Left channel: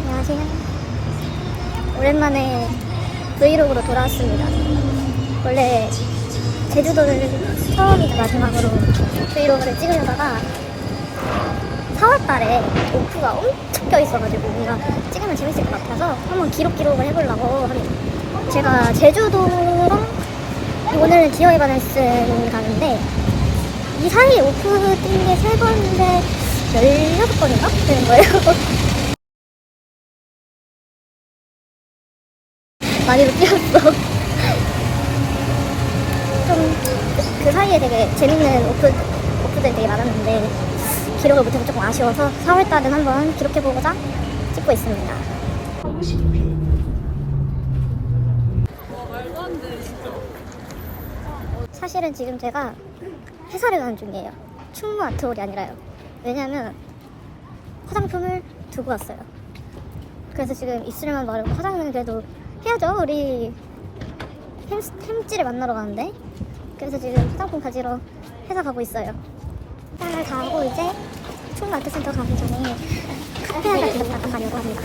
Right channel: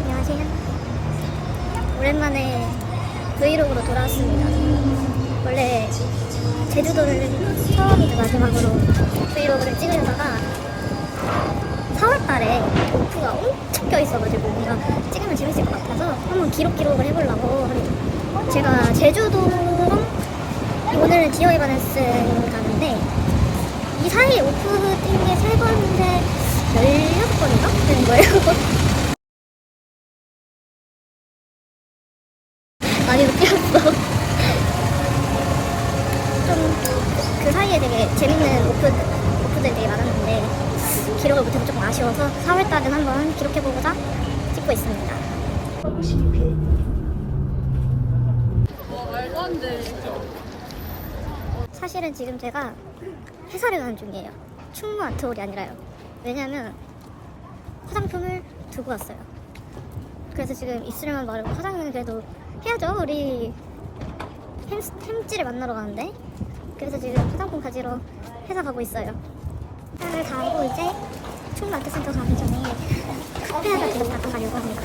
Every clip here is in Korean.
안녕하세요. 오랜만에 브이로그로 돌아왔습니다. 원래 제주도를 처음이자 마지막으로 브이로그를 찍으려다가 4월 달에 오프가 엄청 껴있어가지고 뭔가 찍으면 재밌을 것 같아서 한번 기록 기록을 해보려고 합니다. 제가 제주도랑 오늘은 디어 에바넨스를 가는데 이 사이에 오프 뛴 게 세 번인데 16번인가? 되는 거예요. 많이도 뛰었어. 좀그 사이에 되게 재밌는 오프, 오프들이 되게 많았는데 기록을 못해서 조금 아쉬워서 4월달은 한번 기록해보고자 찍고 있습니다. 사실은 지금 제가 회사를 가는 중이에요. 충무 아트홀이 아니라요. 왜냐면 화장품을 두고 왔어요. 그래서 지금 입술에만 바르고 화장은 그래도 해야죠. 우리 햄, 햄찌를 만나러 가는데. 그래서 지금 화장품 가지러 회사 가고 있어요. 회사를 가고 이제 충무 아트센터 가기 전에 카페 하나 들렀다가 가려고 합니다.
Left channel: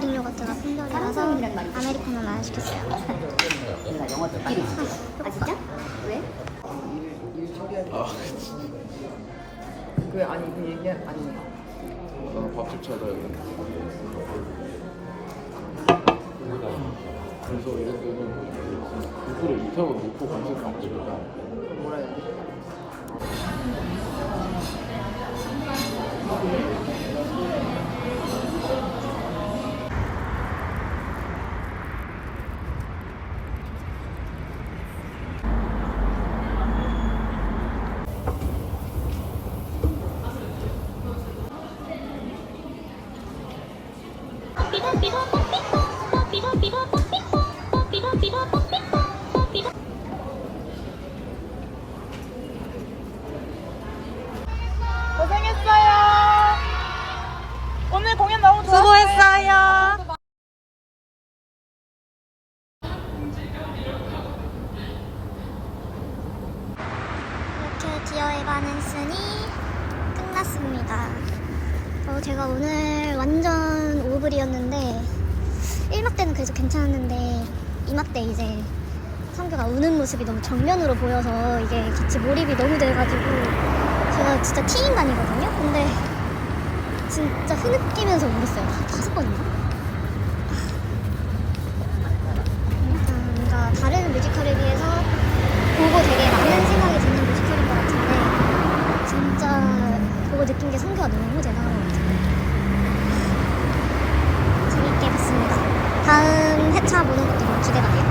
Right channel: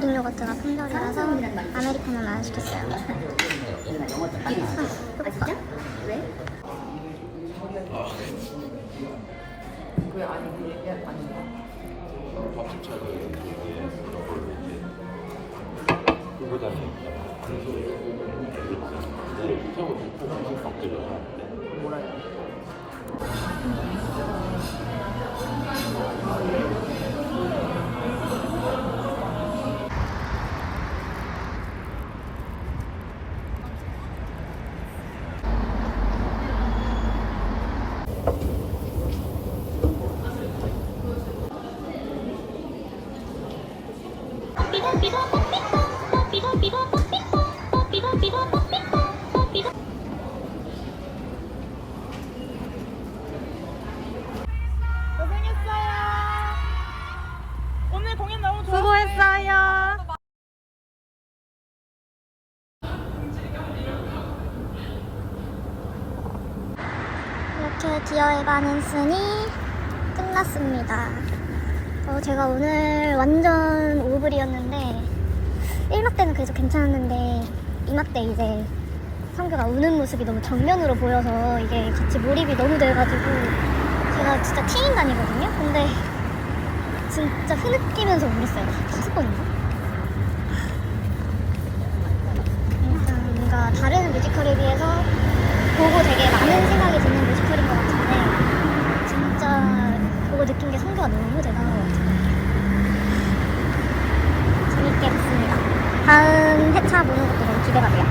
그릭 요거트가 품절이라서 아메리카노 하나 시켰어요. 아, 배고파. 왜? 고생했어요. 오늘 공연 너무 수고했어요. 이렇게 디어 에바넨슨이 끝났습니다. 어, 제가 오늘 완전 오블이었는데 1막 때는 그래도 괜찮았는데 2막 때 이제 성규가 우는 모습이 너무 정면으로 보여서 이게 같이 몰입이 너무 돼가지고 제가 진짜 T인간이거든요? 근데 진짜 흐느끼면서 울었어요. 다섯 번인가? 일단 뭔가 다른 뮤지컬에 비해서 보고 되게 많은 생각이 드는 뮤지컬인 것 같은데 진짜 보고 느낀 게 성교가 너무 대단한 것 같아요. 재밌게 봤습니다. 다음 회차 보는 것도 너무 기대가 돼요.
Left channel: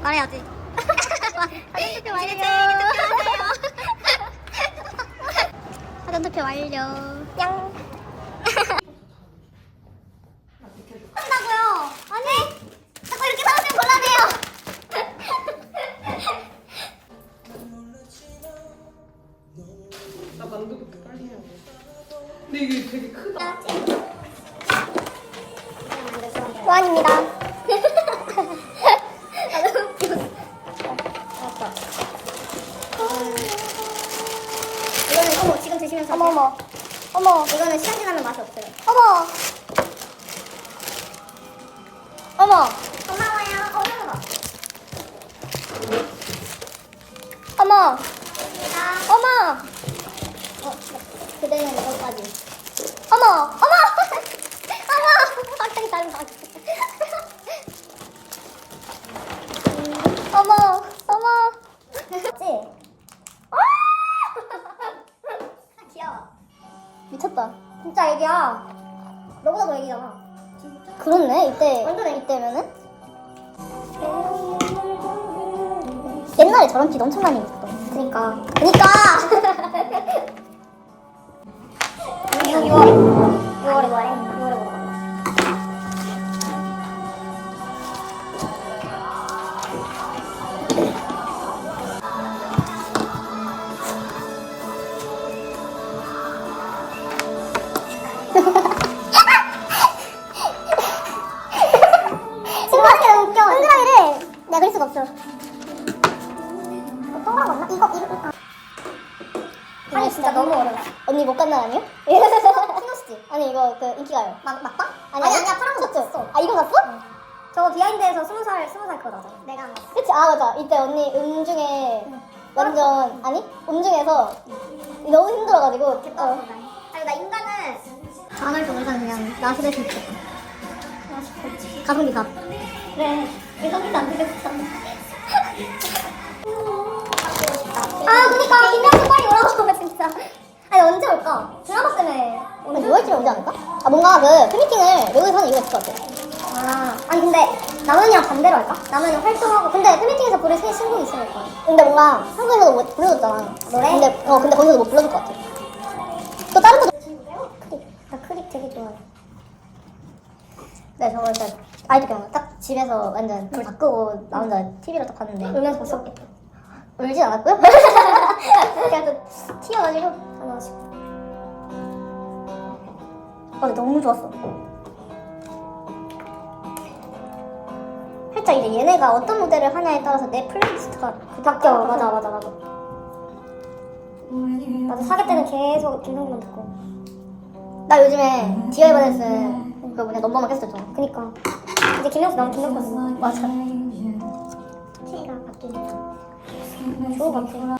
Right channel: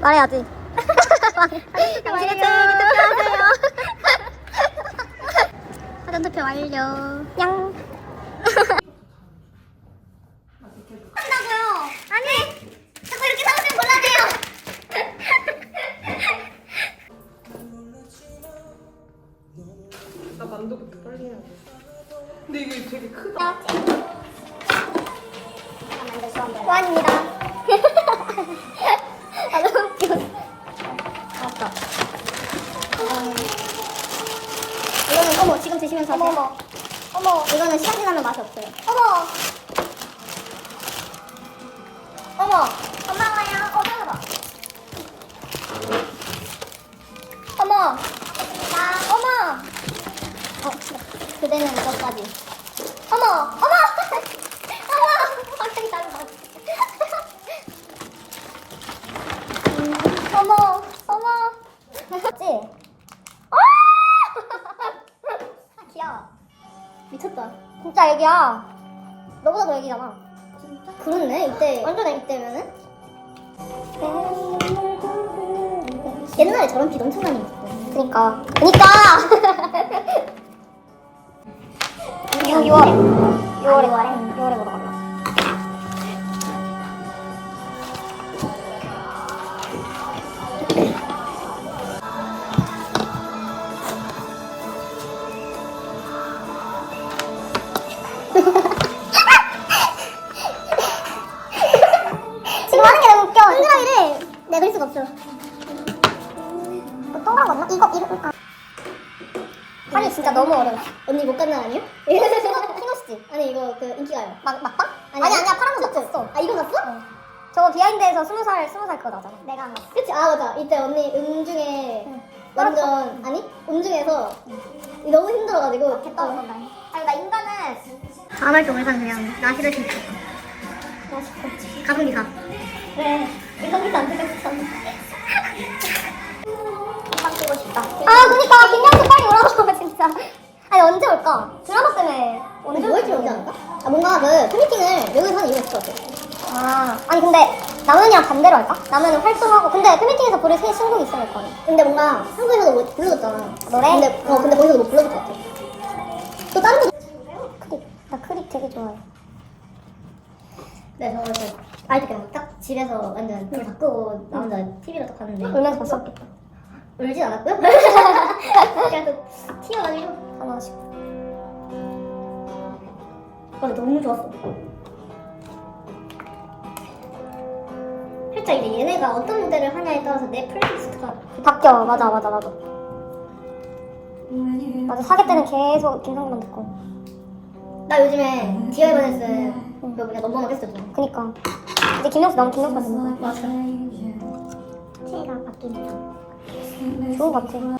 말해야지. 당신의 생일에 투표하세요. 사전 투표 완료. 냥. 한다고요? 아니. 자꾸 이렇게 사오면 곤란해요. 나 만두 빨리 해야 돼. 근데 이게 되게 크다. 좋아합니다. 옛날에 저런 비 엄청 많이 입었어 그니까 그니까 6월에 6월에 6월에 6월에 보러 가 친구하는 게 너무 웃겨. 동그라미를 내가 그릴 수가 없어. 이거, 이거. 아. 아니, 진짜 너무 어려워. 언니 못 간날 아니야? 키노스지. 아니, 이거 그 인기가요. 막, 막방? 아니, 아니, 아니야. 파란 거 셨어 아, 이거 갔어? 저 비하인드에서 스무 살, 스무 살 그거 나잖아. 내가 안 갔어. 그치? 아, 맞아. 이때 언니 음 중에 완전, 아니? 음 중에서 너무 힘들어가지고. 됐다, 어. 아니, 나 인간은. 다음할 때 올산 그냥 나시를 했으면 좋겠다. 가성비 가. 그래. 가성비도 안 되겠어. 아, 그니까 김명수 빨리 오라고 진짜. 아니 언제 올까? 드라마 때문에 오늘 6월쯤에 오지 않을까? 아 뭔가 그 팬미팅을 외국에서 하는 이유가 있을 것 같아. 아, 아니 근데 남은이랑 반대로 할까? 남은이 활동하고 근데 팬미팅에서 부를 새 신곡이 있으니까. 근데 뭔가 한국에서도 못 불러줬잖아. 노래? 근데 어 근데 거기서도 못 불러줄 것 같아. 또 다른 거 크립. 나 크립 되게 좋아해. 네, 저거 일단 아이도 경우 딱 집에서 완전 불다 끄고 나 혼자 TV로 딱 봤는데 울면서 봤었겠다. 울진 않았고요. 또 튀어가지고 어머 씨. 아 너무 좋았어. 살짝 이제 얘네가 어떤 무대를 하냐에 따라서 내 플레이리스트가 바뀌어. 맞아 맞아 맞아. 맞아 사귈 때는 계속 김성근 듣고. 나 요즘에 디아이 바네스 그 뭐냐 넘버만 계속 듣잖아. 그니까. 근데 김영수 너무 김영수 맞아. 체가 바뀌니까. 것 같아.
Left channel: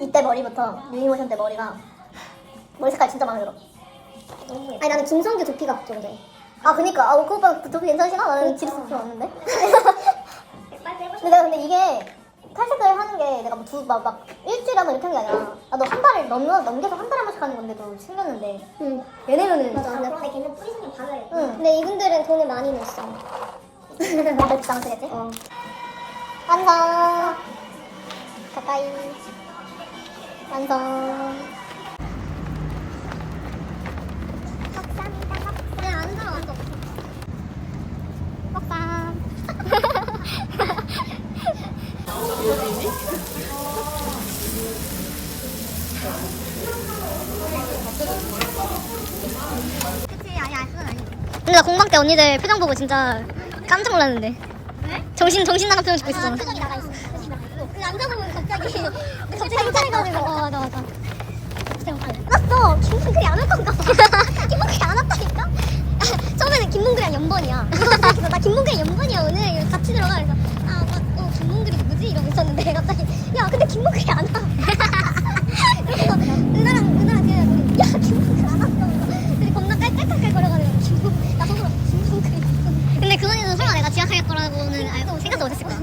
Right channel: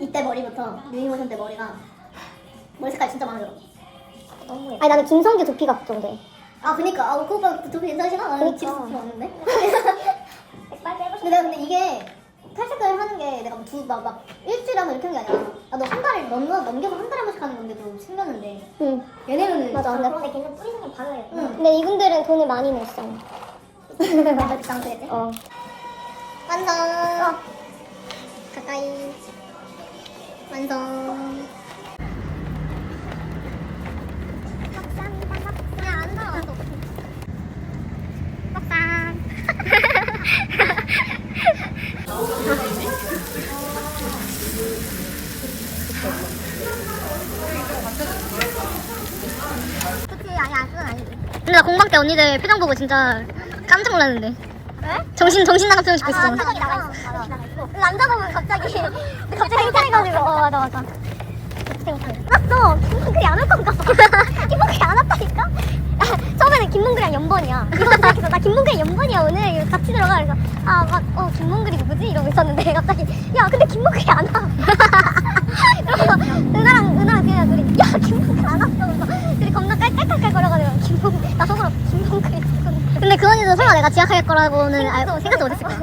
이때 머리부터 미니모션 때 머리가 머리 색깔 진짜 마음에 들어. 너무 아니 나는 김성규 두피가 걱정돼. 아 그니까 아 그 오빠 그 두피 괜찮으시나? 나는 집에서 두피 왔는데. 근데 내가 근데 이게 탈색을 하는 게 내가 뭐두막 막 일주일에 한 번 이렇게 하는 게 아니라 나도 한 달을 넘겨 넘겨서 한 달에 한 번씩 하는 건데도 신겼는데. 응. 얘네는 맞아. 근데 그런데 걔는 뿌리는 바늘. 응. 근데 이분들은 돈을 많이 냈어. 맞아, 비싼 거겠지? 어. 완성. 가까이. 완성. 근데 나 공방 때 언니들 표정 보고 진짜 깜짝 놀랐는데. 정신, 정신 나간 표정 짓고 있어. 앉아보면 갑자기, 갑자기 짱이가지고. 어, 맞아, 맞아. 끝났어. 김문글이 안 올 건가? 김문글이 안 왔다니까? 처음에는 김문글이랑 연번이야. 그래서 나 김문글이 연번이야, 오늘. 같이 들어가. 그래서, 아, 막, 어, 김문글이 누구지? 이러고 있었는데, 갑자기, 야, 근데 김문글이 안 와. 그래서 은하랑, 은하랑 그냥, 야, 김문글 안 왔어. 근데 겁나 깔깔깔깔거려가지고, 김문글, 나 속으로 김문글. 근데 그 언니도 설마 내가 지각할 거라고는 알, 생각도 못했을 거야.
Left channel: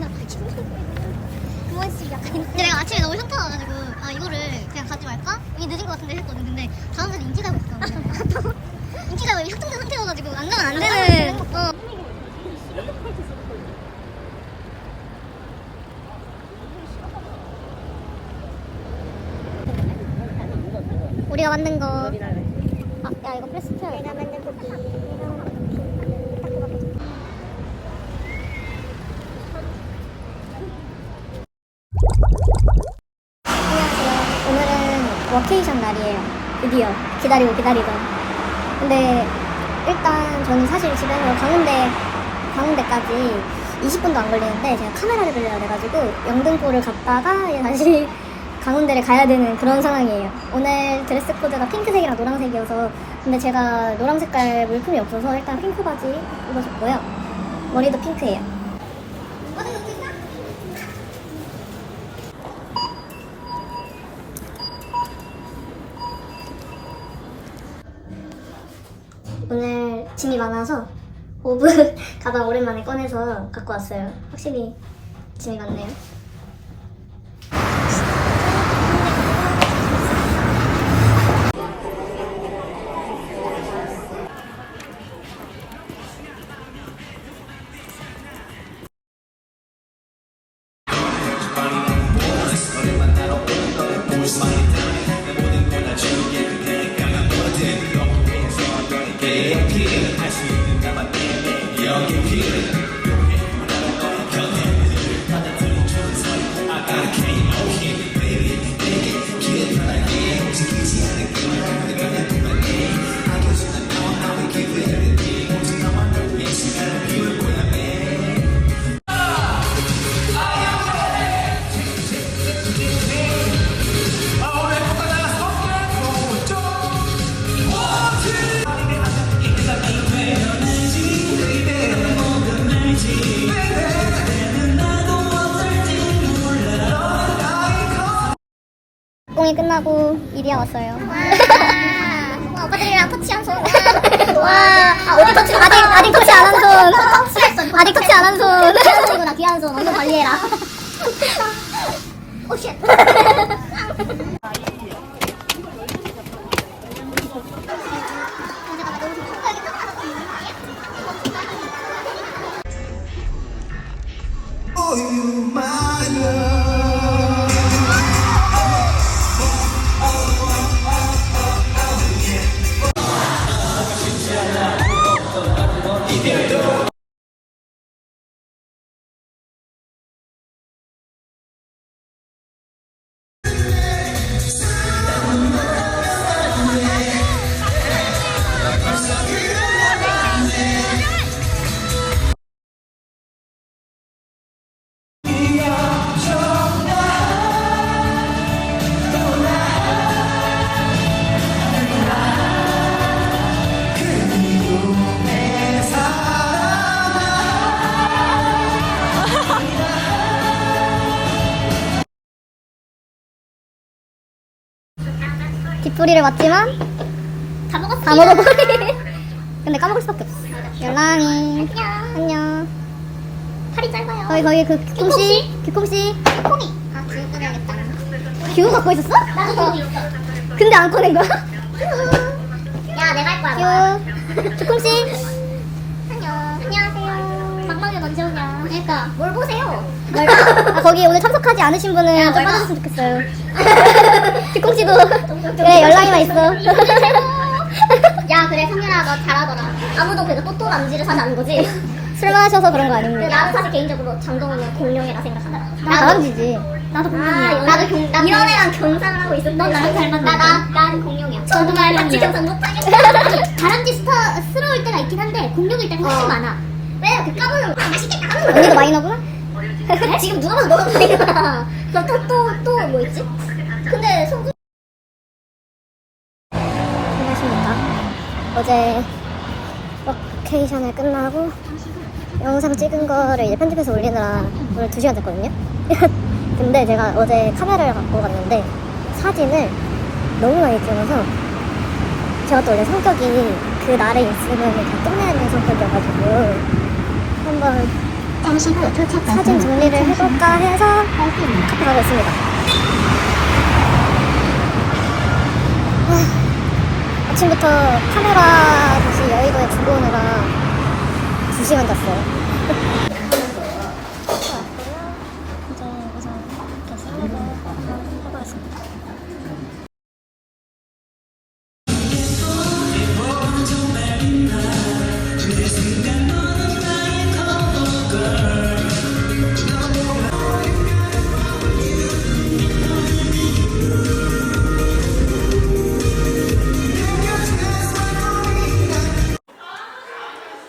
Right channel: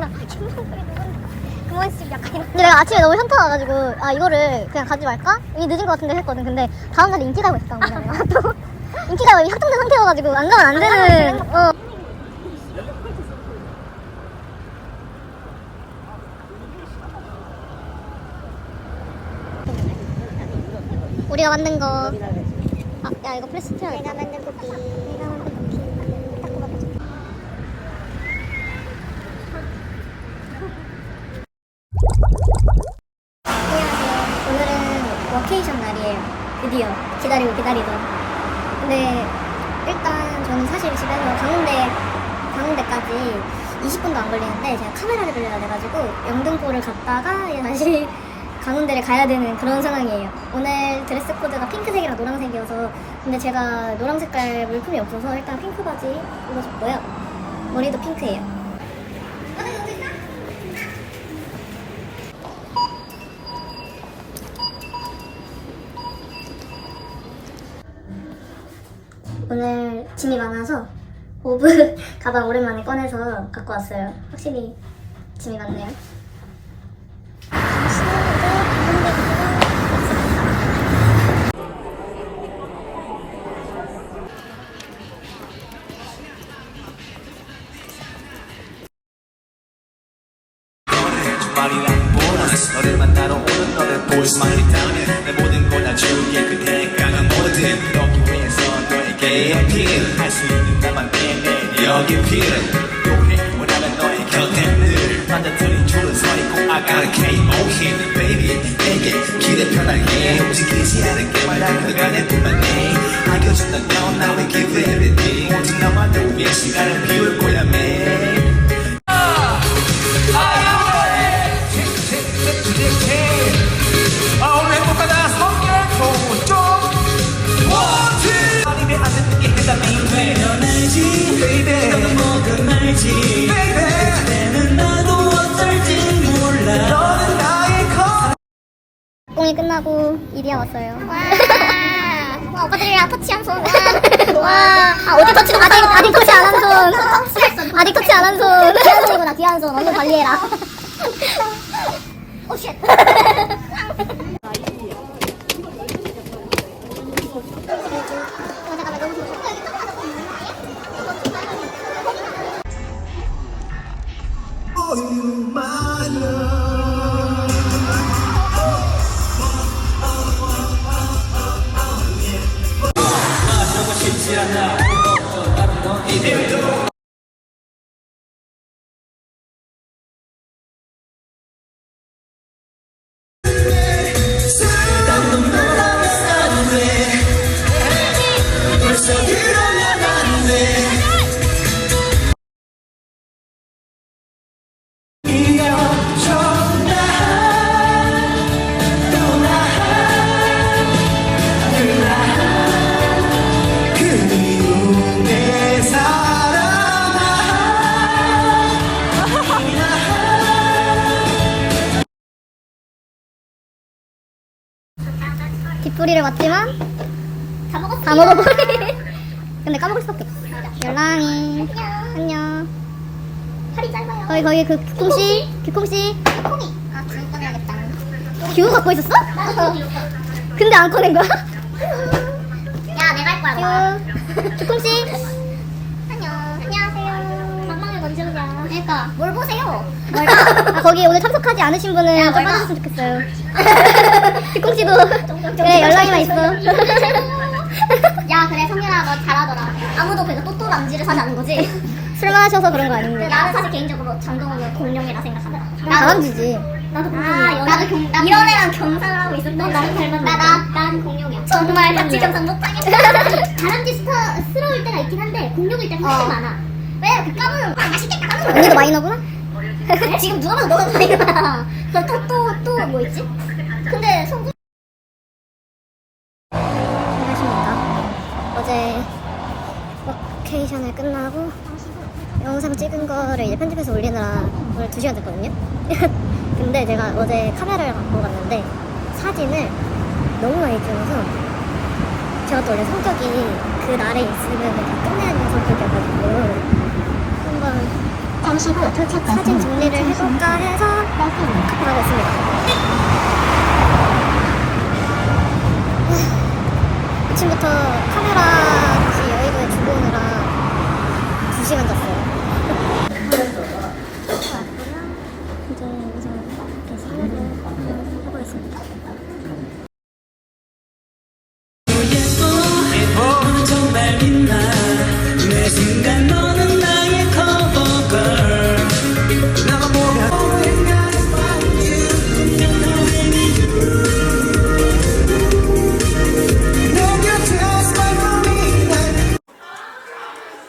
근데 내가 아침에 너무 현타 와가지고 아 이거를 그냥 가지 말까? 이게 늦은 것 같은데 했거든. 근데 다음날 인기 가고 있어. 또 인기가 이미 확정된 상태여가지고 안 가면 안 되는. 어. 우리가 만든 거. 아, 야 이거 플리스트야. 내가 만든 쿠키. 안녕하세요. 오늘은 워케이션 날이에요. 드디어 기다리고 기다리던. 근데 일단 저는 사실 집에서 강원대 강원대까지 20분도 안 걸리는데 제가 카메라를 빌려야 돼가지고 영등포를 갔다가 다시 강원대를 가야 되는 그런 상황이에요. 오늘 드레스 코드가 핑크색이랑 노란색이어서 근데 제가 노란 색깔 물품이 없어서 일단 핑크 바지 입어줬고요. 머리도 핑크예요. 오늘 짐이 많아서 오브 가방 오랜만에 꺼내서 갖고 왔어요. 확실히 짐이 많네요. 너를 만나러 오는 너를 보고 공이 끝나고 이리야 왔어요. 손. 아직 터치 안 한 손. 이거 나 뒤한 손. 얼른 관리해라. 오 쉣. 뒷풀이를 맞지만 다 먹었어. 다 먹어버리. 근데 까먹을 수밖에 없어. 열랑이. 안녕. 팔이 짧아요. 거기 거기 그 규콩씨. 규콩씨. 콩이. 아 지금 꺼내야겠다. 규 갖고 있었어? 나도 거기 있어. 근데 안 꺼낸 거야? 야 내가 할 거야. 규. 규콩씨. 안녕. 안녕하세요. 막막해 넌 지역이야. 그러니까 뭘 보세요? 아 거기 오늘 참석하지 않으신 분은 좀 빠져줬으면 좋겠어요. 규콩씨도. 네 연락이만 있어. 야 그래 성민아 너 잘하더라. 아무도 그래도 또또 남지를 사지 거지? 술 마셔서 그런 거 근데 아닙니다. 나는 사실 개인적으로 정동원은 공룡이라 생각하더라 다람쥐지. 나도 공룡이야. 나도 경, 나 이런 애랑 경상을 하고 있어. 넌 나랑 닮았는데 나, 나, 나는 공룡이야. 정말 경상 못 하겠다. 다람쥐 스타스러울 때가 있긴 한데 공룡일 때가 훨씬 많아. 왜? 그 까불어 아 맛있겠다 언니도 마이너구나? 지금 누가 봐도 너가 마이너야 그럼 또 또 또 뭐 있지? 근데 송구 안녕하십니까. 어제 워케이션을 끝나고 영상 찍은 거를 이제 편집해서 올리느라 오늘 2시간 잤거든요. 근데 제가 어제 카메라를 갖고 갔는데 사진을 너무 많이 찍어서 제가 또 원래 성격이 그 날에 있으면 다 끝내는 성격이어가지고 한번 사진 정리를 해볼까 해서 카페 가고 있습니다. 아침부터 카메라 다시 여의도에 두고 오느라 2시간 잤어요.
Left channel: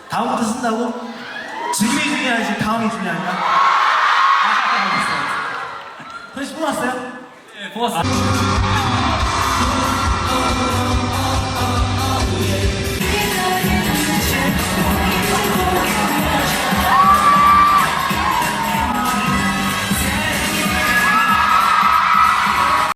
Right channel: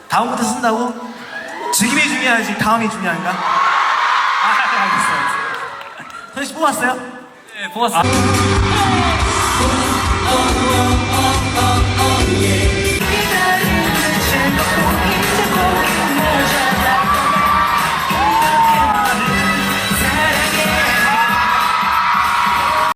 다음부터 쓴다고? 지금이 중요하지 다음이 중요한가? 아 알겠어 알겠어 선씨 뽑았어요? 네, 뽑았어요.